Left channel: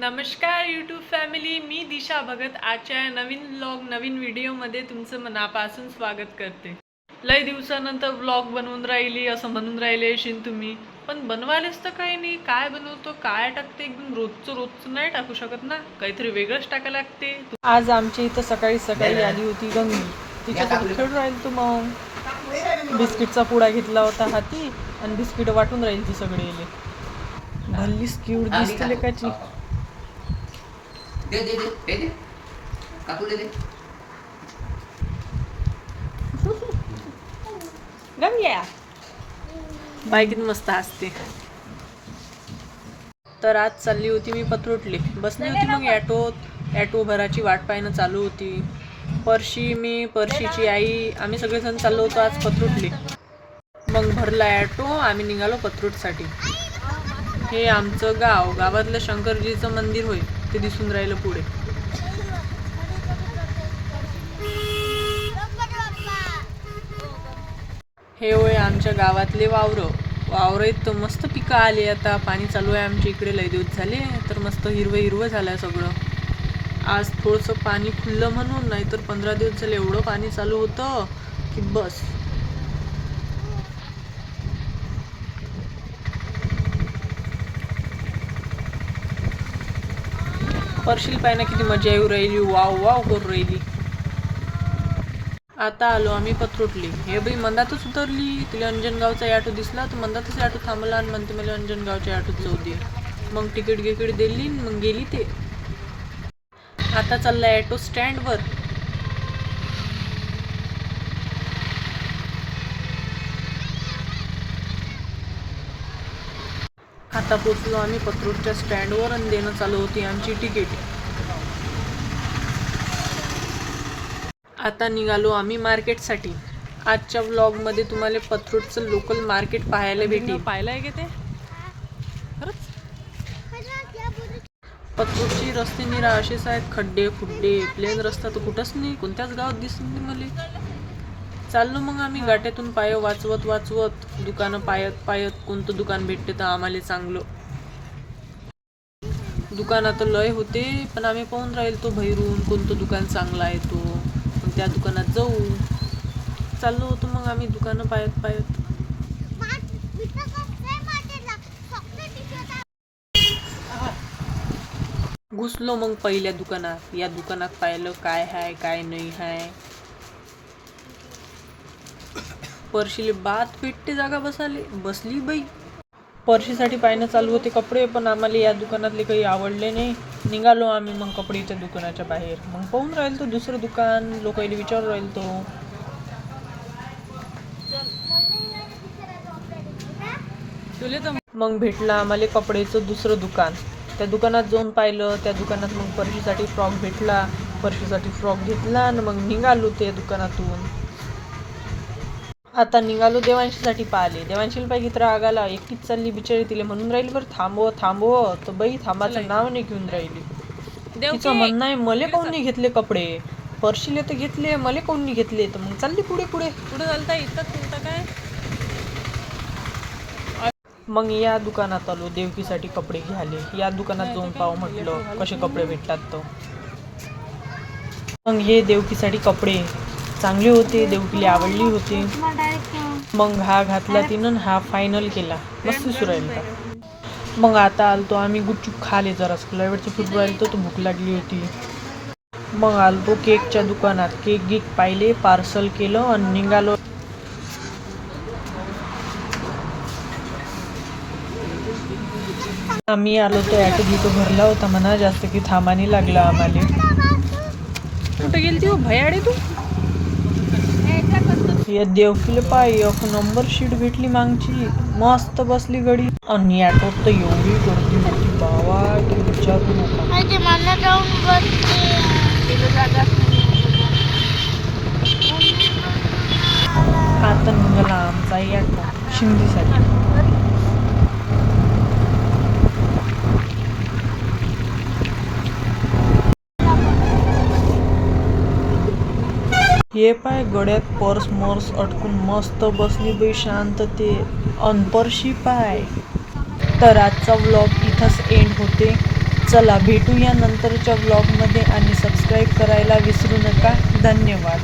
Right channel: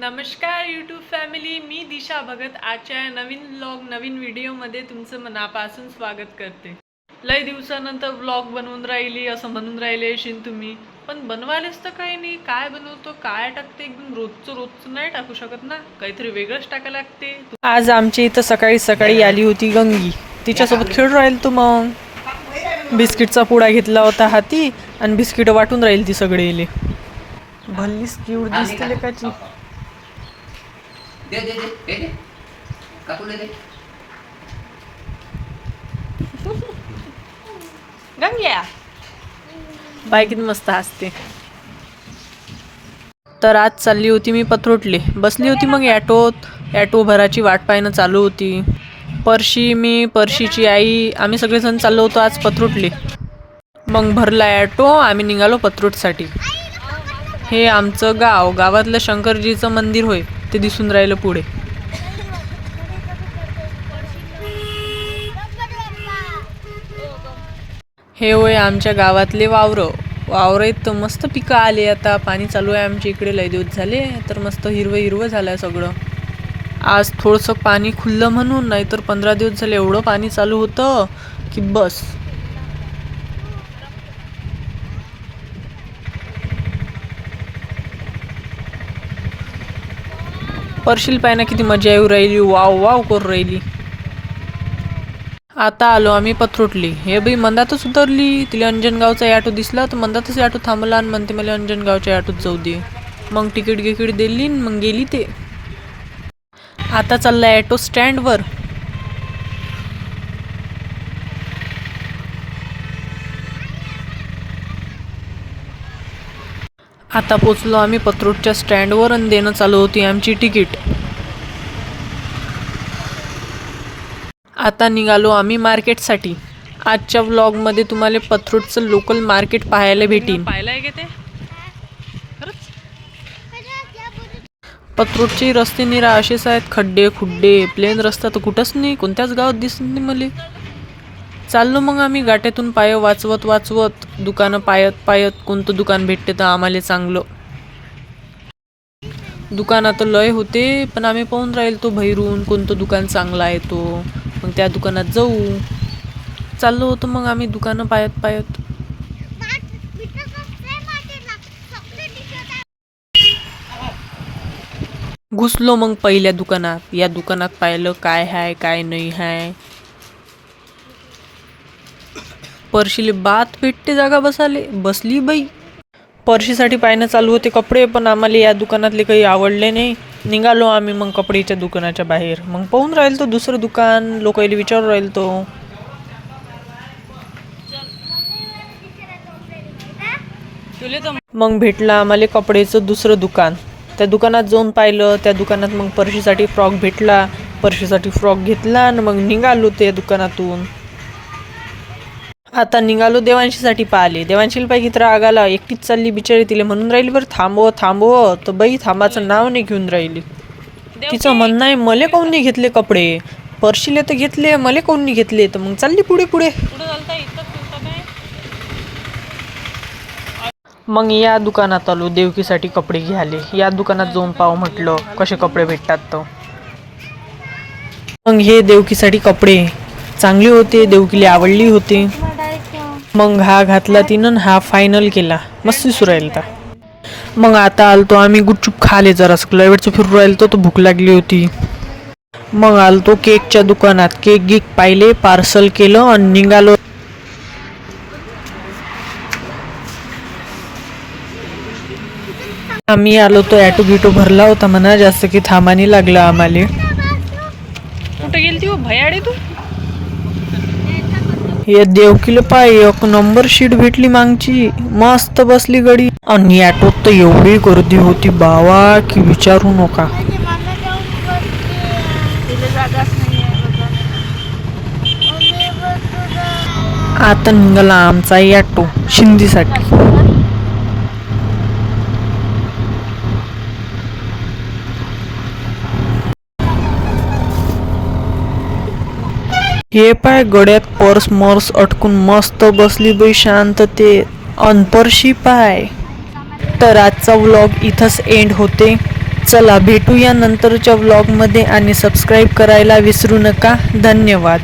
नमस्कार YouTube family मी दिशा भगत. आजच्या नवीन व्लॉग नवीन व्हिडिओमध्ये तुमचं मनापासून स्वागत करते. लय दिवसानंतर व्लॉग बनवून राहिली असं म्हणून राहिले असेल तुम्ही. पण बनवायलाच तर काही नाही. काय बनवतो काय टाकते एकदम रोजचं रोजचं नाही टाकू शकत ना. काहीतरी वेगळंच टाकायला लागते. आज आमच्या इथं सकाळी सकाळी आली होती गंगी. तिच्यासोबत खेळ राहील तू मग. बिस्किटचा पुडा घेतला होता हाती आणि बिस्किट वाटून राहील ती सगळे इले भल्लीच क्यूट दिसते लेकाची दे दे दे दे दे. काकू दे. दे गंग्या बाई किती मस्त हसते. तर आज चालली होती मी पत्रोटले बसली होती मग ॲटोत. ॲटो भराची वाट पाहणं चालू होती. परशी मी परशीची आई आम्ही सगळेजण चाललो होतो आज पत्रोटले मग भरला ॲटो आम्ही निघालो पत्रोटसाठी हे आमचं गाव गावातलं शंकरजीचं मंदिर होय. ते दिसून राहिलं पुढे. हे होय आमच्या गावातले वावरं. वावरं आहेत तर मस्त पिकं आले आता. पाणी चालू आहे आमच्या इकडे. लय दिवस झाले. तर मस्त हिरवं हिरवं झालं आहे सगळं. आज थोडंसं पाणी खुललं म्हणून नाहीतर पंधरा दिवस झाले एवढं पाणी चालू होतं की बस. परशील पायना किती मजा येऊ राहिली वाव वाव करू राहिली. आता आलो आम्ही पथरोटली. हे बाई मंदातच उतरली. तिला अंजनगावचा ॲटो दिसला तर मंदातच ॲटो थांबला आणि म्हणते मला अंजनगावच्या ॲटोत जाऊ दे. मग तिकीट गिकीट दिली मग गेली ते. आता चाललाय ॲटो स्टँडवर. आता पोचलो आम्ही पत्रोटच्या स्टँडवर आणि देणं चालू होती आमची तिकीट. आता निघालो आम्ही मार्केटसाठी. आजच्या व्लॉगमध्ये तुम्हाला पथरूटचं लोकल मार्केट पाहायला भेटेल. पाहिलंय का ते? पथरूटचे रस्ते निरा असेच आहेत. खड्डे खुड्डे प्लेन रस्ता तर कुठंच नाही. कोणत्याच गावात दिसत नाही मला. चाललो मग आम्ही गाट्यातून पाय वाचवत वाचवत दुकानं पायत पायत कोणतं दुकान भेटते तर आम्हाला चांगलं दुकानात लय होते पण आम्ही पाहून राहील तो भैरून कोणतं दुकान चांगलं आहे तो. मग त्या दुकानात जाऊ. चाललो होतो मग आम्ही दुकानं पायत पायत. घुसलो मग पहिल्या दुकानात. या दुकानात पाहिलं काय हाय काय नाही हाय. परशीले बात भेटते जागा बसाले बसली बाई. परशीसाठी पाहणं चालू होते कपडे पण आम्हाला या दुकानातले काही आवडले नाही. निघालो आम्ही मग कपडेच्या दुकानाच्या बाहेर. मग पाहून राहील तो दुसरं दुकान लोकांना विचारून राहील तो मग भेटलं आम्हाला कपडेचं दुसरं दुकान. त्या दुकानात जाऊन पाहिलं त्या दुकानात मग परशीसाठी फ्रॉक भेटला. परशीसाठी फ्रॉक घेतला आणि मग निघालो त्या दुकानातून. आता निघालो देवांशीसाठी पाहिले देवांशीला पाय किती राग आला एकटीच चालली बिचारी तिला म्हणून राहिली बरं थांबव थांबव तर बाई थांबाचं नाव नाही घेऊन राहिली. तिचं म्हणणं आहे मले काऊन नाही घेतले कपडे? परशीले तर घेतले मले काऊन नाही घेतले? तर मग चालली पुढे पुढे. मग या दुकानात आलो देवकीसाठी कपडे घ्याले. या दुकानात जाऊन पाहू म्हटलं कसे कपडे भेटतात तर मग हे देवकीसाठी कपडे. चांगले होते देवकीला आवडली होते. मग हा घातला तिनं हा फायनल केला. मस्त दिसू राहिला मग आता आलतो आम्ही गुपचूप खाले जरा. वेळचं फिरू राहिलो तर भूक लागली होती. मग आलतो केकच्या दुकानात. केक गिक पाहिले पार्सल केलं आणि निघालो. आम्ही आलो तो ॲटो गिटो भरला होता म्हणा. जास्त की थांबानी लागला आम्हाला. कुठे गेली ती भयाडे तू? हे देवकीला पाय एक नंबर शीट भेटली मागची. मस्त बसली गडी. आणि ॲटोत तर एवढी गर्दी होती बावा की विचारू नका. आता निघाला आमचा ॲटो शिंदीसाठी. हे पाय गड्यात पर्स मर्स अटकून मस्त बसली बाई शांततेत अनपरशी पाय. तर आजचा व्लॉग इथंच एंड होते. चला भेटूया नंतरच्या व्लॉगमध्ये आणि सबस्क्राईब करायला विसरू नका. धन्यवाद.